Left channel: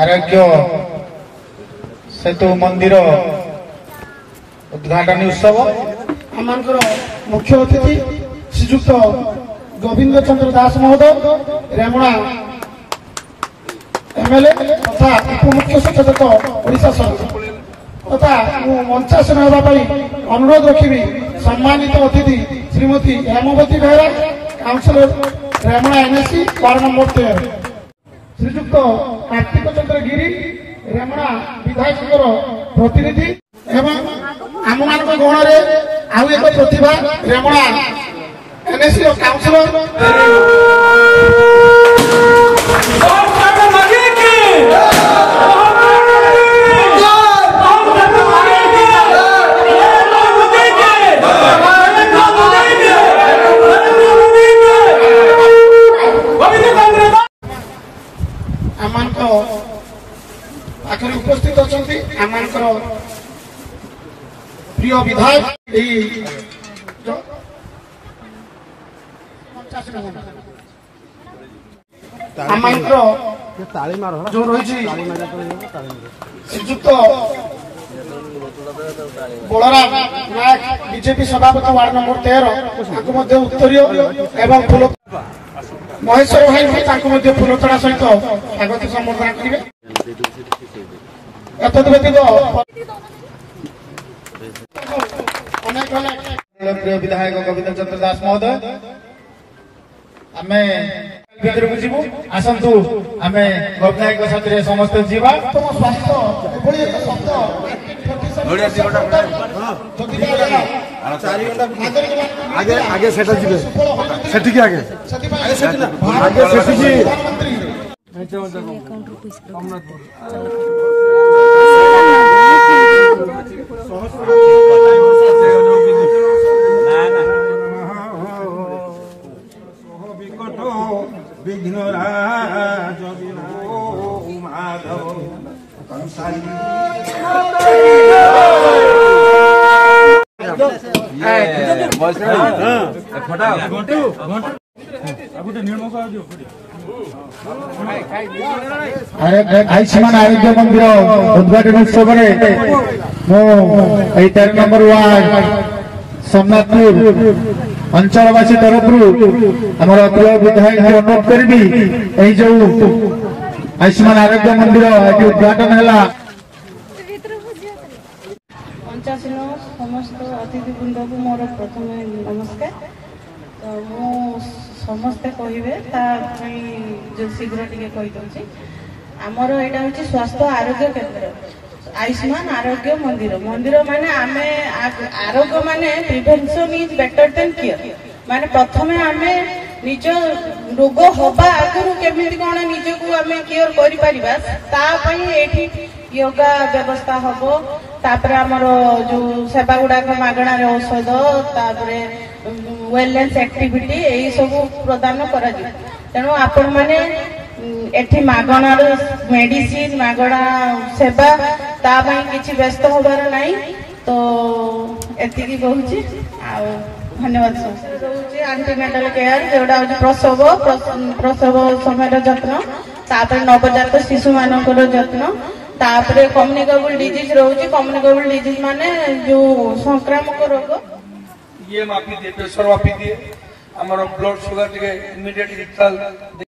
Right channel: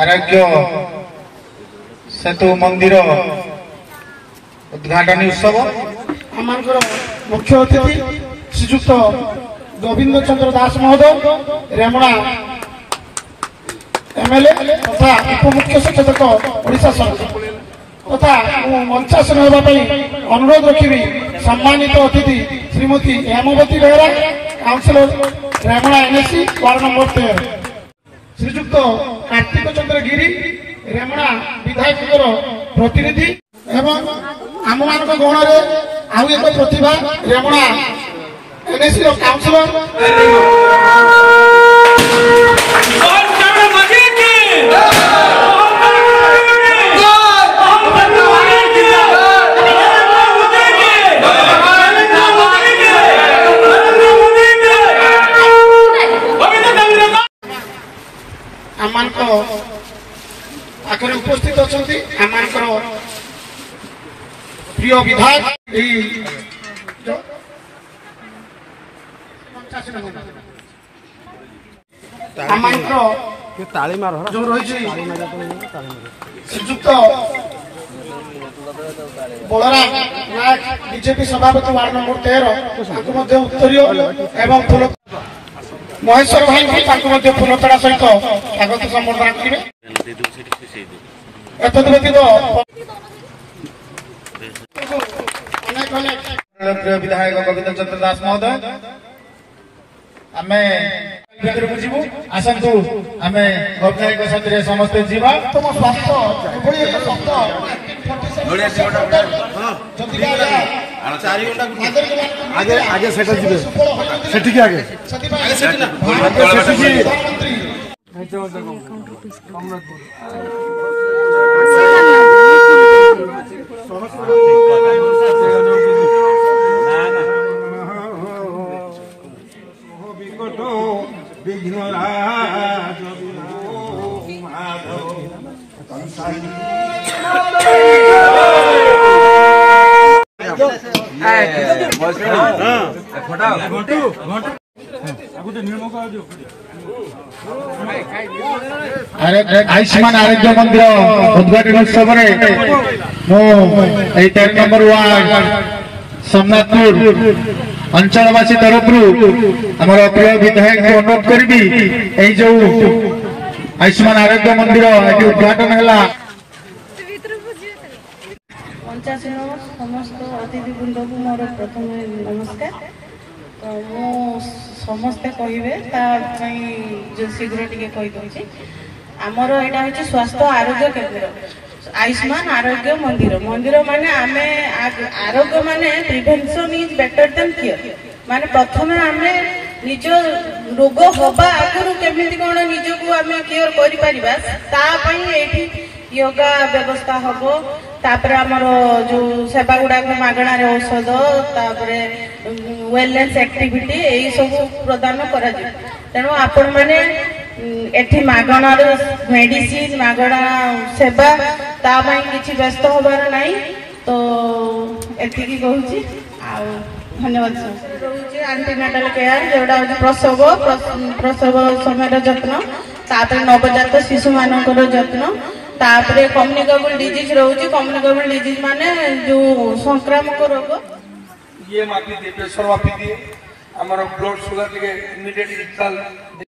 आरोग्य सेतु मंदिर उद्घाटन उत्सव आम मुख्य अतिथि श्रीजुक्त गोविंद चंद्र दास महोदय रेमुणा एमएलए तथा उपमुख्य सचेतक ओडिशा सरकार तथा मंचासन होगापी अनुरोध रखी सम्मानित अतिथि Shrimati Hemavati Behera councillor Remuna NSC ward number 13 Shriyukta Kartik Chandra Giri Remuna विधायक प्रतिनिधि एवं आम मान गण में आउ एक प्रतिभा रेमुणा एनएससी काउंसिलर आखिर उपस्थित अच्छा आम प्रिय विधायक जो रही श्रीजुक्त बलराम नायक बीजेपी सभापति वार्ड नंबर 13 उत्तरीय एवं फूल महेश्वर भाई फूलतोड़ा सहित स्वागत संबर्धना करेंगे। विधायक गोविंद चंद्र दास महोदय आम जीवु आसतु आम गोविंद साथी समस्त जीवा आगे आगे सेटल आगे आयुष्मान आरोग्य मंदिर उद्घाटन उत्सव 13 नंबर वार्ड सोमनाथपुर अंचलवासी तरफ आम प्रिय विधायक अनुरोध करी जो आयुष्मान आरोग्य मंदिर उद्घाटन है समस्त अतिथिवृंद को मोर प्रथम नमस्कार। तो समस्ते कहे जो शीघ्र टे कहीदे आमर यहाँ हूँ स्वास्थ्य आरोग्य केन्द्र आयुष्मान आरोग्य मंदिर मंदिर माने आमे आरोग्य माने prevention is better than care माने प्रथम आमे निज रोग हवा आगु केमिति कौन निज को आमे केयर करि परिबा ता पई एठी योगा व्यवस्था हबो तापरे हमर जो सेवा गुडा को मागणा रे औषध तापरे वेलनेस एक्टिविटी एई सब प्रदान करा जे तेनो आपण माने एठी मागणा रे मेडिसिन मागणा सेवा ता पई किछि व्यस्त होबार नाही तो एठी की कहूची आ धन्यवाद सर एंटीनेटल केयर जेडा प्रसव समय जत्न तापर नवजात शिशु मानकर जत्न तापरे कम्युनिकेबल डिजीज रोचे कम्युनिकेबल डिजीज माने जो संक्रामक रोग ये मापी दे प्रेशर मापी दिए हमर ब्लड शुगर टिके इमीडिएट